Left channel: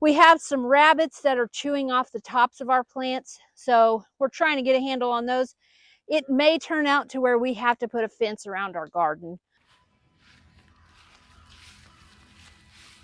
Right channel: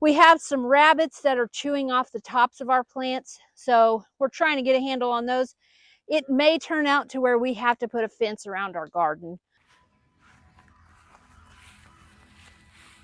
We have some rabbits that are chewing off the tops of our plants, so we're trying to get a handle on those. It may turn out to where we have to put a fence around our garden.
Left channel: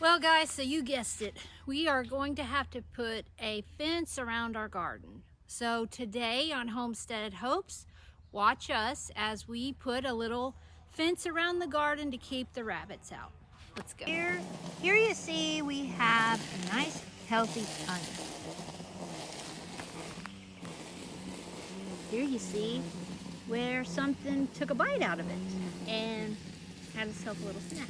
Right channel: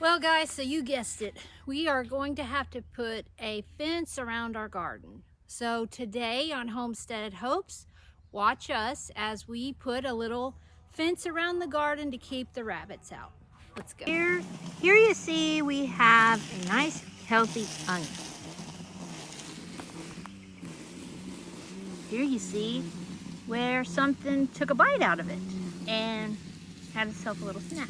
Well guys, so you guessed it. We are going to have to put a fence around our garden. So today on Homestead Hopes, watch us as we put a little fence around the garden to keep the rabbits out. Let's go. Here you see we have a nice healthy onion. Here you see where something took a bite out of it and had itself a little snack.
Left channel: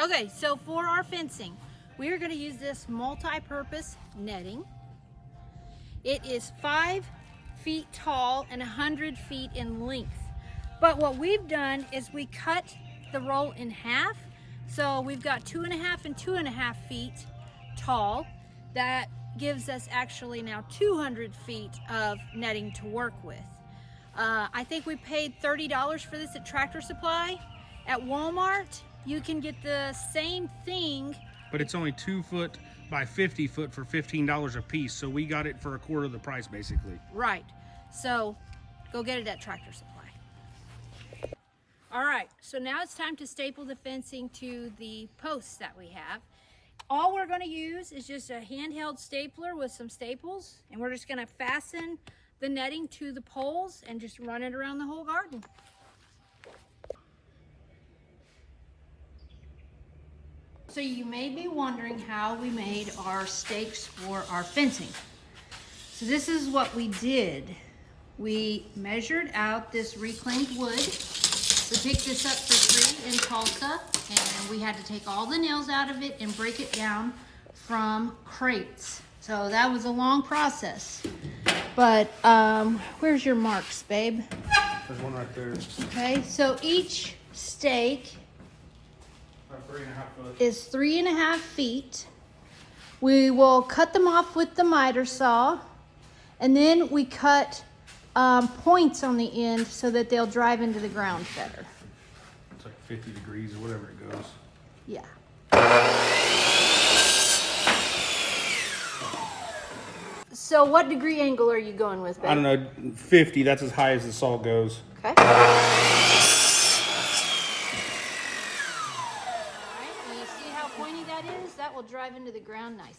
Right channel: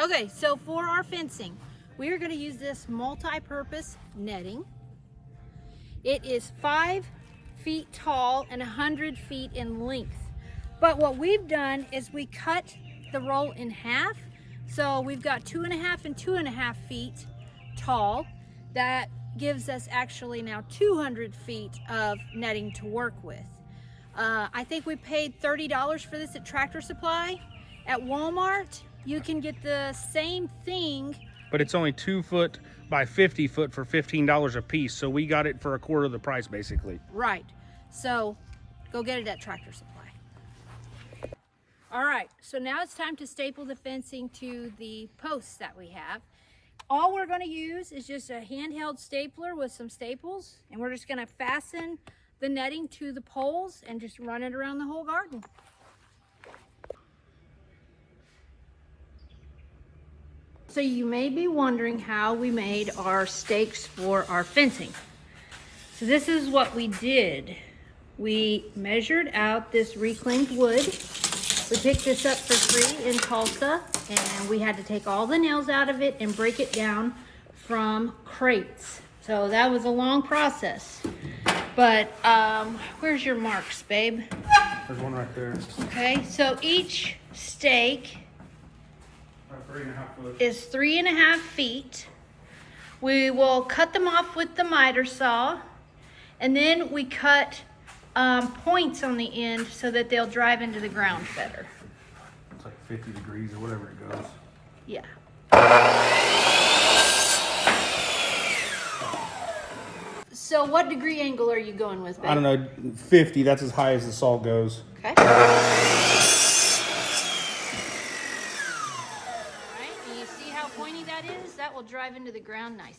Okay, so for our fencing, we are going to use this multi-purpose netting. It is 5 feet tall and 100 feet in length. But what we've done is we cut the roll in half. So we've got 2.5 and 2.5 feet tall. That gives us actually now 200 feet of netting to work with. I think we paid $30 for this at Tractor Supply. At Walmart, you can get the same thing, but it's only 2 foot by 50 foot for $15 a piece. So we got it for a quarter of the price, basically. Right. So go get it at Tractor Supply. All right. So now it's time to staple the fencing to the posts that we have. All we're going to use is just a handheld stapler with some staples, and we're just going to fasten the netting to the poles and just run it around the whole garden. So you may be wondering how we made our stakes for our fencing. So this is what we did. We measured out this reclaimed wood. We picked this up for free in Tulsa, and we had to take all the nails out of it and break it down from crates. So that was a long process. But where's your marks, babe? There's one right there. Okay, so each stake 3.5 foot. is 3.5 feet. We will cut them off with the miter saw, and then we cut points on the end so that they'll drive into the ground better. It's like 50 degrees or whatever it goes. Yeah. So what degree angle are you going with, babe? I don't know, 50, that's as high as the saw goes. Okay. Pointy that is, that will drive into the ground nicely.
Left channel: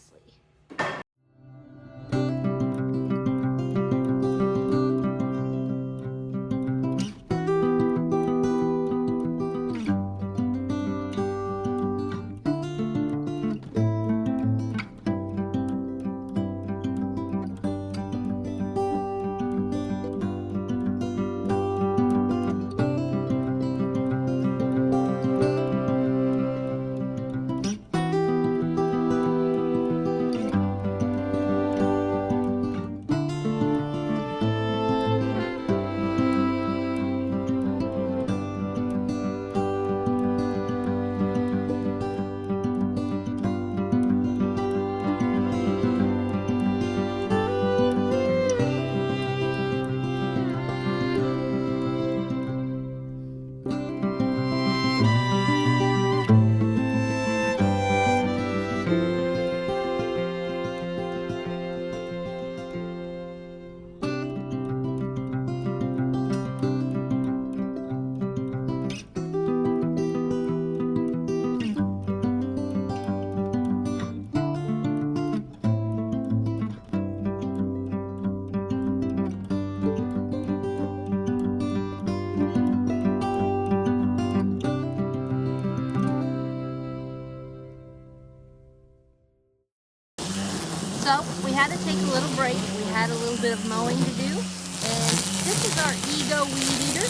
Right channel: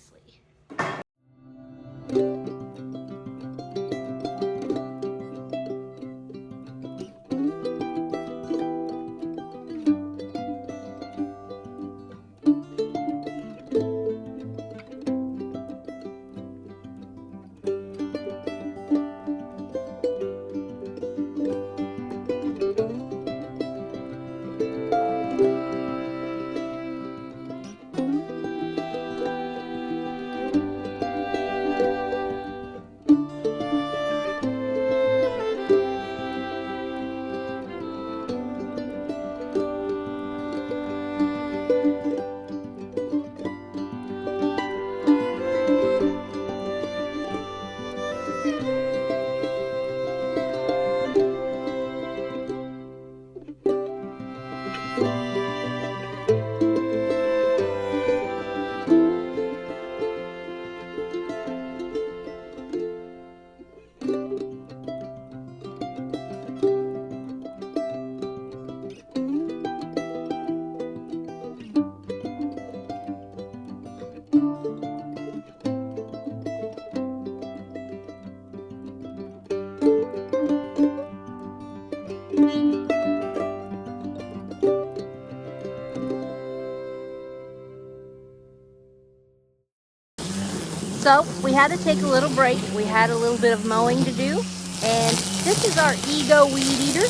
So we had to take a little break. We had a little bit of mowing to do. And this is our Ego weed eater.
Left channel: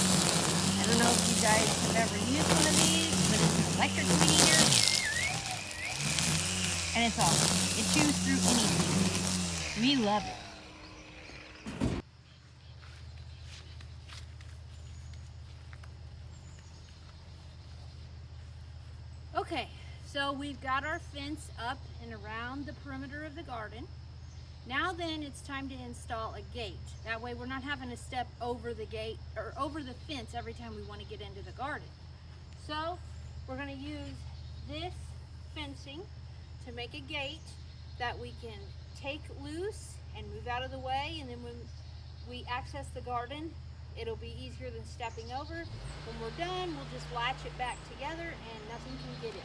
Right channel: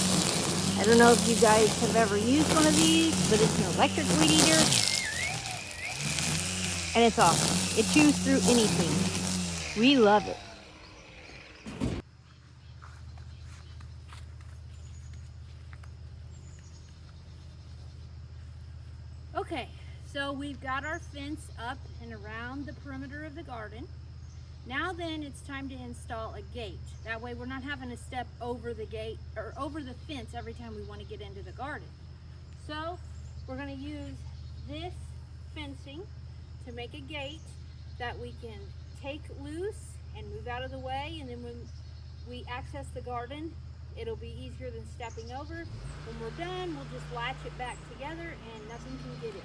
I don't know if you guys have ever used one of these, but it's an electric weed eater. And it's awesome. It chews through anything. We love it. Okay, so we've got our fence up and around the perimeter of the garden. Now then it's time to install a gate. That way we're not having to step over the gate or over the fence every time we want to get into the garden. So we're going to use this fencing to make a gate that we can take loose and move out of the way, and then when we access the garden, it'll be easier than stepping over. When we're done, we'll just latch it back together and nothing can get it.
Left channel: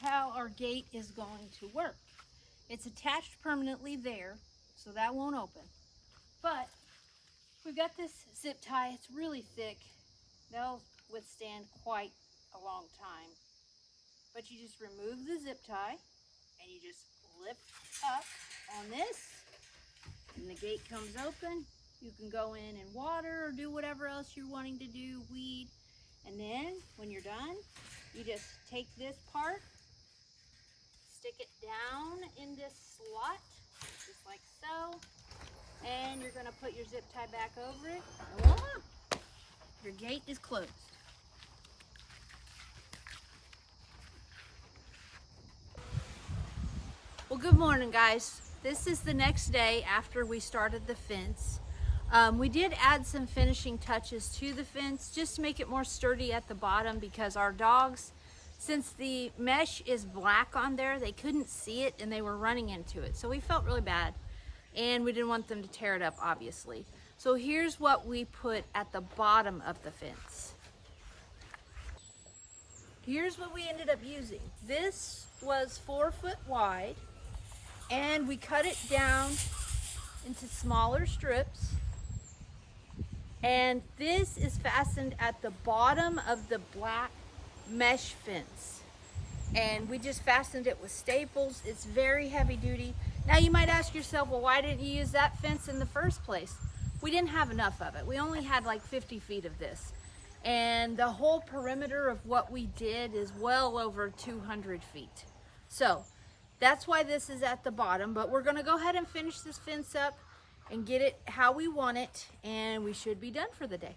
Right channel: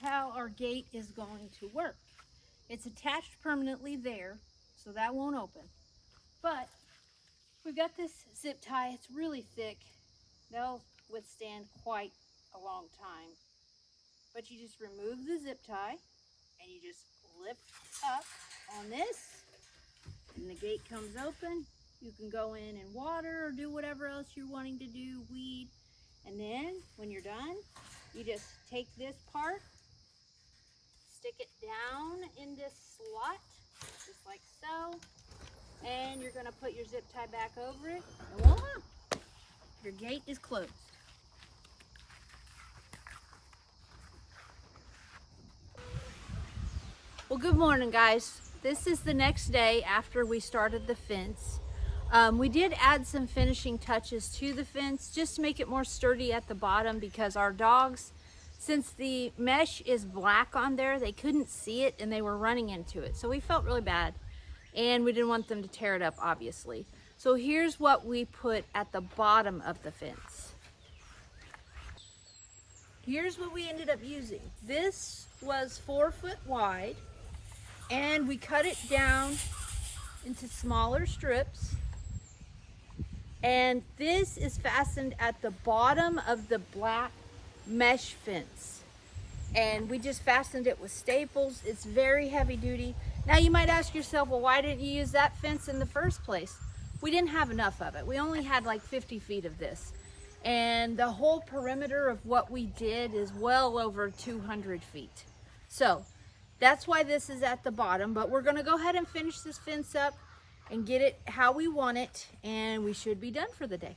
How our gate is going to work. It's attached permanently there, so that won't open. But we've got this zip tie. It's really thick. They'll withstand quite a long time. But you just remove the zip tie and you just lift up on this and the gate comes open. You can go in and water or do whatever else you're wanting to do, weed. And then when you're done, you just take this part, stick it down in this slot, just like so. And you're gonna put your zip tie back over it, and voila, your gate is closed. Well, good morning, guys. This is the next day after we started the fence. We did add some finishing touches to the fence just to make it more sturdy at the bottom, because our dogs, since the mesh is black on there, they couldn't see it and they were running into it. So we felt really bad. And we didn't want them to tear it up, obviously. So here's what we put at the bottom of the fence. Here's what we ended up using. This was 4 foot wide, and we cut it down into smaller strips. And this is fastened at the bottom of the black mesh fence. And we just fastened it with staples. It's very heavy duty. Now you might ask yourself, well, why didn't you use that fence in the first place? We didn't have enough of it. We only had like 50 feet of this. And the whole perimeter of what we did is well over 200 feet. So that's why this is at the bottom, but we're gonna go ahead and finish this fence up and get it how we want it, and we should be done for the day.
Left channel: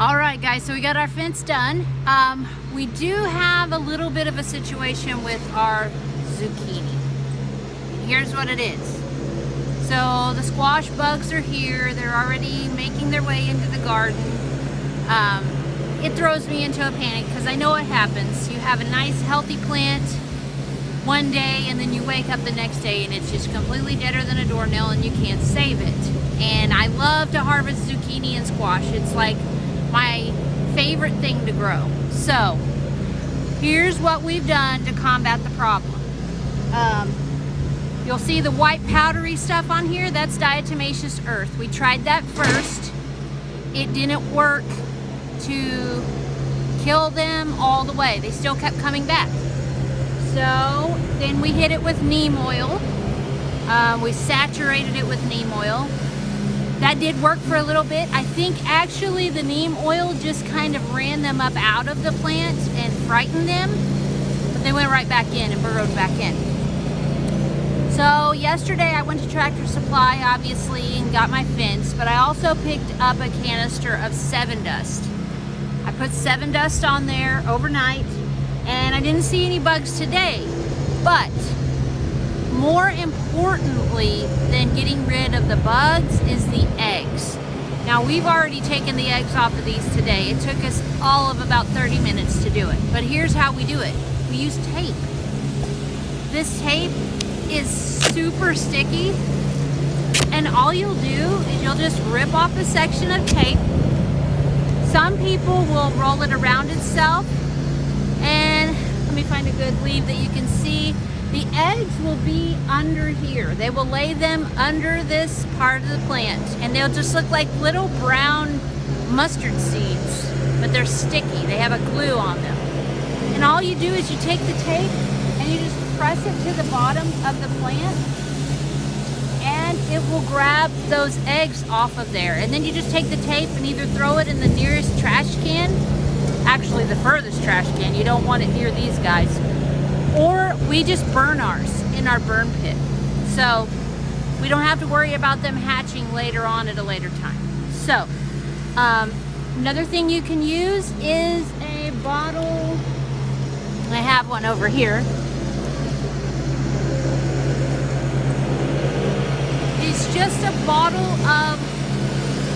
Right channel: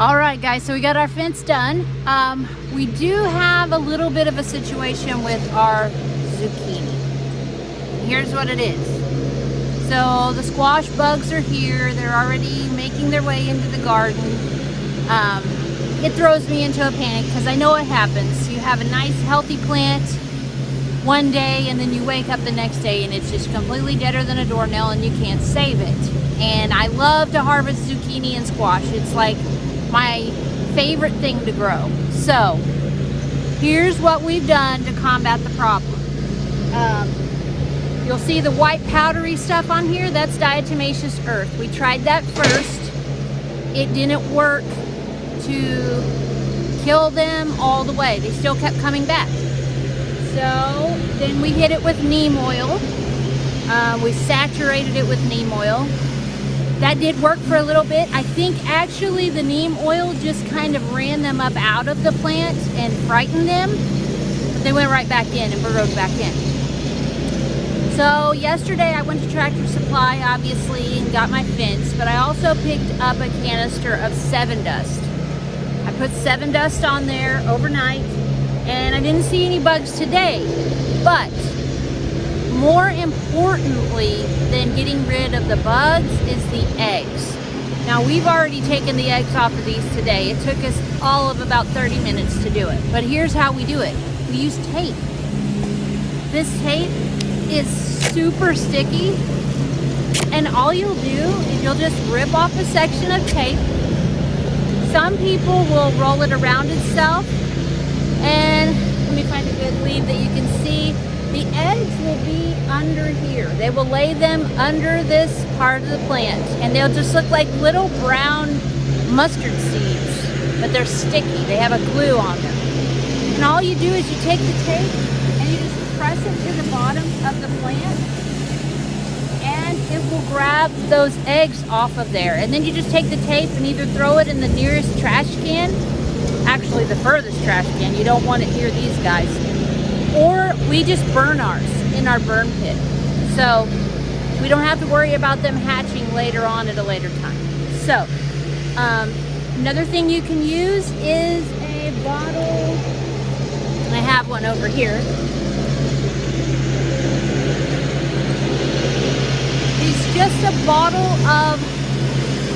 All right, guys, so we got our fence done. We do have a little bit of a situation with our zucchini. And here's what it is. So the squash bugs are here. They're already making their way into the garden. It throws me into a panic because I know what happens. You have a nice healthy plant one day and then you wake up the next day and it's just completely deader than a doornail and you can't save it. And I love to harvest zucchini and squash. It's like my favorite thing to grow. So here's what we've done to combat the problem. You'll see the white powdery stuff on here. That's diatomaceous earth. We tried that first. It didn't work to kill them all the way. They still kept coming back. So then we hit it with neem oil. We saturated it with neem oil. That did work for a little bit. I think actually the neem oil just kind of ran them up out of the plant and frightened them, but they went right back in and burrowed back in. So yesterday I went to Tractor Supply, obviously, and got my fence, but I also picked up a canister of 7 Dust. I put 7 Dust on there overnight, and I didn't see any bugs today, but more importantly than getting rid of the bugs is the eggs. Now we've already taken the eggs off of these today. It took us all of about 30 minutes to do it. But here's how we do it. We use tape. This tape is super sticky, and all you'll do is you'll just rip off a section of tape. Some people will roll it around itself, and let me find a good leaf that you can see. The eggs will be under here. They will lay them under this part of the plant, and they'll just look like little brown mustard seeds, but they're sticky. They have a glue on them. And all you do is you take the tape and you just press it to the bottom of the plant, and it will grab those eggs off of there. And then you just take the tape and either throw it in the nearest trash can, actually the furthest trash can, you don't want it near these guys, or we just burn ours in our burn pit. So we don't have to worry about them hatching later on at a later time. So another thing you can use is a bottle. I have one over here. It's just a bottle of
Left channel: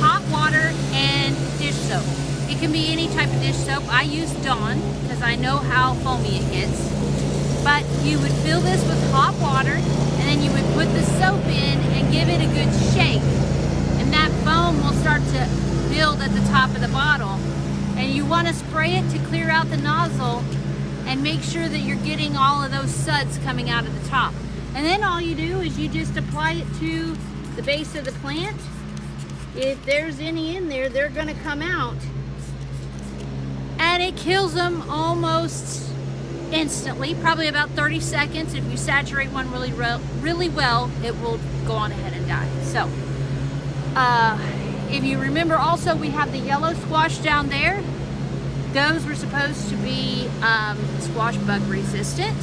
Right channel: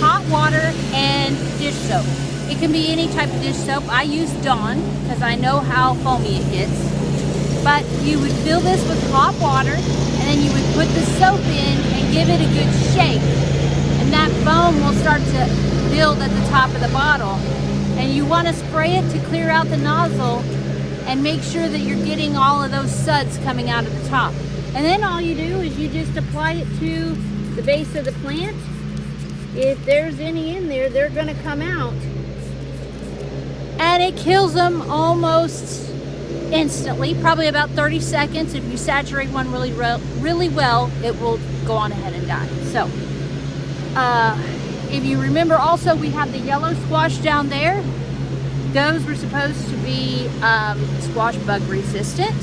hot water and dish soap. It can be any type of dish soap. I use Dawn because I know how foamy it gets. But you would fill this with hot water, and then you would put the soap in and give it a good shake. And that foam will start to build at the top of the bottle. And you want to spray it to clear out the nozzle and make sure that you're getting all of those suds coming out of the top. And then all you do is you just apply it to the base of the plant. If there's any in there, they're gonna come out. And it kills them almost instantly, probably about 30 seconds. If you saturate one really well, it will go on ahead and die. So, if you remember also, we have the yellow squash down there. Those were supposed to be squash bug resistant.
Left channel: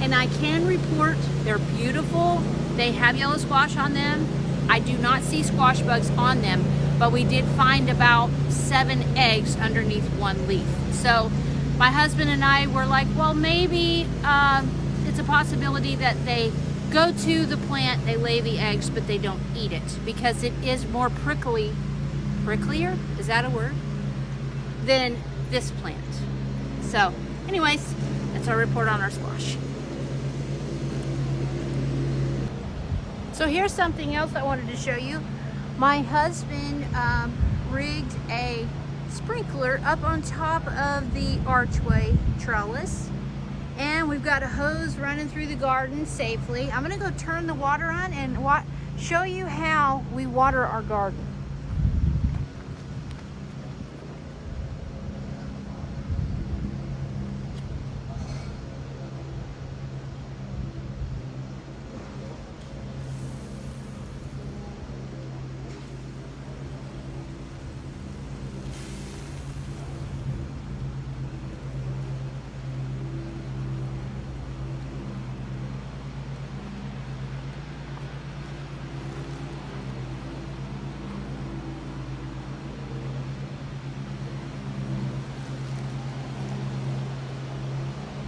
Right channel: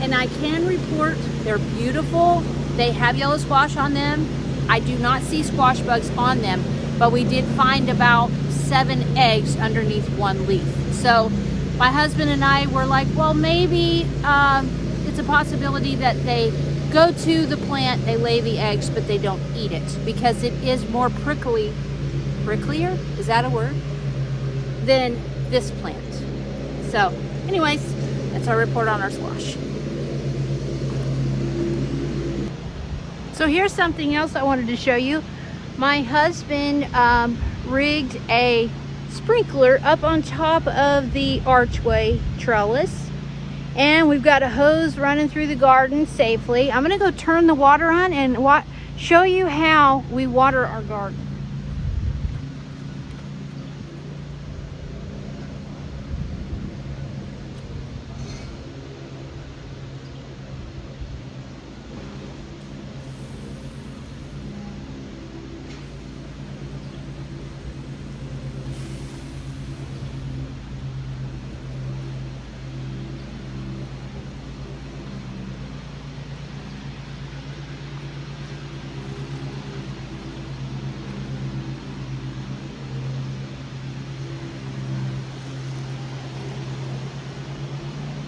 And I can report they're beautiful. They have yellow squash on them. I do not see squash bugs on them, but we did find about 7 eggs underneath one leaf. So my husband and I were like, well, maybe it's a possibility that they go to the plant, they lay the eggs, but they don't eat it because it is more pricklier, is that a word, than this plant. So anyways, that's our report on our squash. So here's something else I wanted to show you. My husband rigged a sprinkler up on top of the archway trellis, and we've got a hose running through the garden safely. I'm gonna go turn the water on and show you how we water our garden.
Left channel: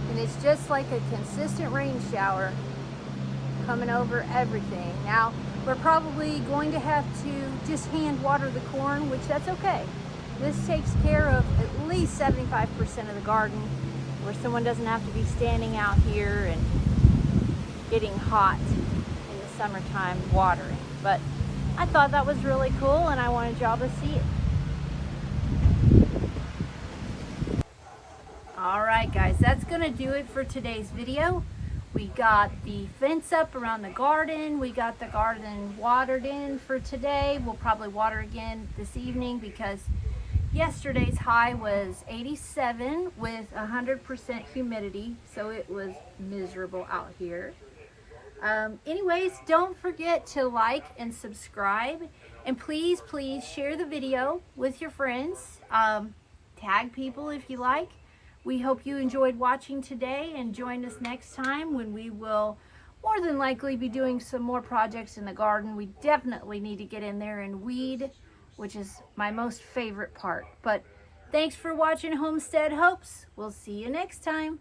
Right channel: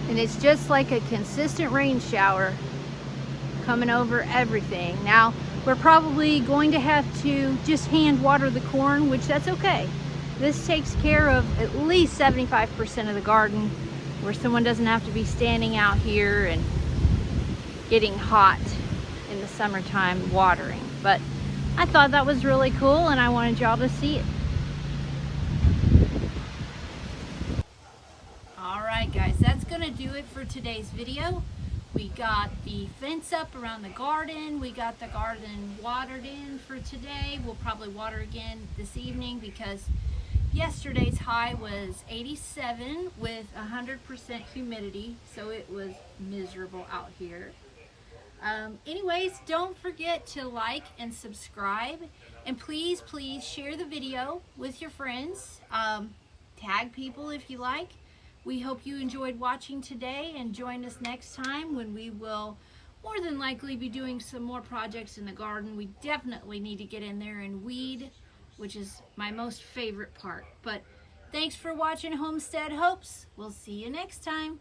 And it's just like a consistent rain shower coming over everything. Now, we're probably going to have to just hand water the corn, which that's okay. This takes care of at least 75% of the garden, where someone doesn't have to be standing out here and getting hot in the summertime watering. But I thought that was really cool, and I wanted y'all to see it. Alright guys, that's gonna do it for today's video. We got the fence up around the garden. We got the garden watered in for today. We'll probably water again this evening because yesterday's high was 87 with 100% humidity, so it was miserable out here. Anyways, don't forget to like and subscribe, and please share the video with your friends. Tag people if you like. We hope you enjoyed watching today, and join us next time when we will more than likely be doing some more projects in the garden. We definitely need to get in there and weed, which is my most favorite part. But thanks for watching Homestead Hopes. We'll see you next time.